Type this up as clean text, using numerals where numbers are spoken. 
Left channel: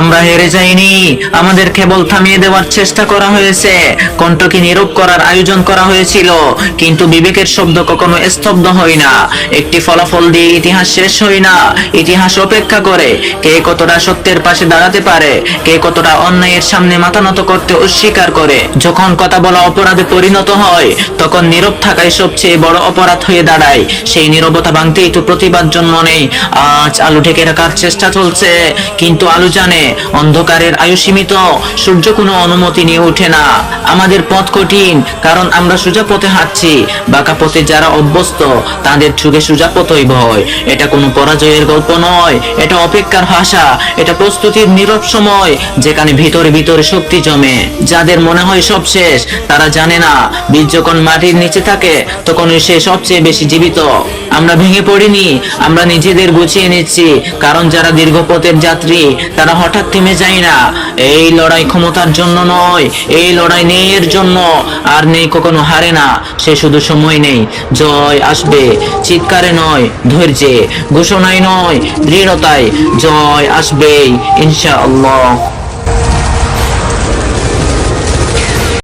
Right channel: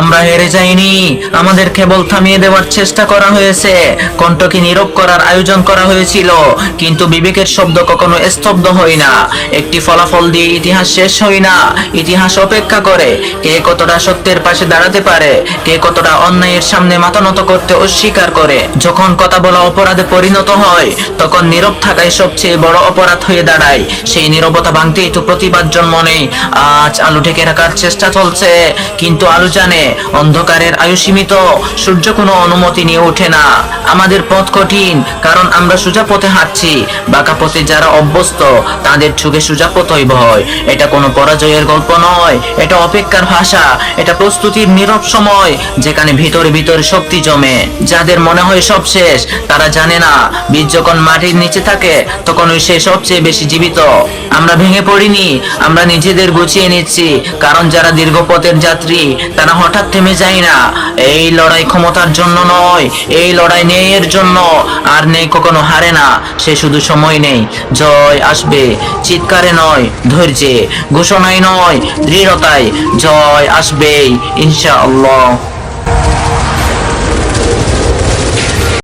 আমরা হেরে যাইনি, আমাদের কেবল থামিয়ে দেওয়ার চেষ্টা করা হয়েছে, কণ্ঠকে নীরব করার আয়োজন করা হয়েছিল, কিন্তু বিবেকের শব্দ কখনো স্তব্ধ হয় না। একটি ফলাফল দিয়ে ইতিহাস শেষ হয় না, ইতিহাস অপেক্ষা করে কে কতটা সত্যের পাশে দাঁড়াতে পারে, কে কতটা অন্যায়ের সামনে মাথা নত করতে অস্বীকার করে। যখন কথা বলা অপরাধে পরিণত হয়, তখন নীরব থাকাই সবচেয়ে বড় অপরাধ হয়ে দাঁড়ায়। সেই নীরবতা ভাঙতেই তো প্রতিবাদ জন্ম নেই। আজ আলো ঢেকে রাখার চেষ্টা চলছে, কিন্তু আলো জানে অন্ধকারের আয়ু সীমিত, সূর্য কোনো অনুমতি নিয়ে ওঠে না। আমাদের পথ কঠিন, কারণ আমরা সোজা পথে হাঁটছি। বাঁকা পথে যারা অভ্যস্ত, তাদের চোখে সোজা পথই ভয়। এটা কোনো পরাজয়ের গল্প নয়, এটা অপেক্ষার ভাষা, এটা প্রস্তুতির নীরব সময়, যেখানে ভিতরে ভিতরে শক্তি জমে। যাদের মনে হয় সব শেষ, তারা জানে না বীজ যখন মাটির নিচে থাকে, তখনই সে সবচেয়ে বেশি জীবিত। আমরা ভেঙে পড়িনি, আমরা নিজেদের গুছিয়ে নিচ্ছি, কারণ যারা দীর্ঘ পথের যাত্রী, তারা হঠাৎ থেমে যায় না। এই লড়াই ক্ষমতার জন্য নয়, এই লড়াই ন্যায়ের জন্য। আর নেই কখনো হারে না, সে শুধু সময় নেই। জয় আসবে চিৎকারে নয়, ধৈর্যে, ঘোষণায় নয়, দৃঢ়তায়। জয় আসবেই ইনশাআল্লাহ।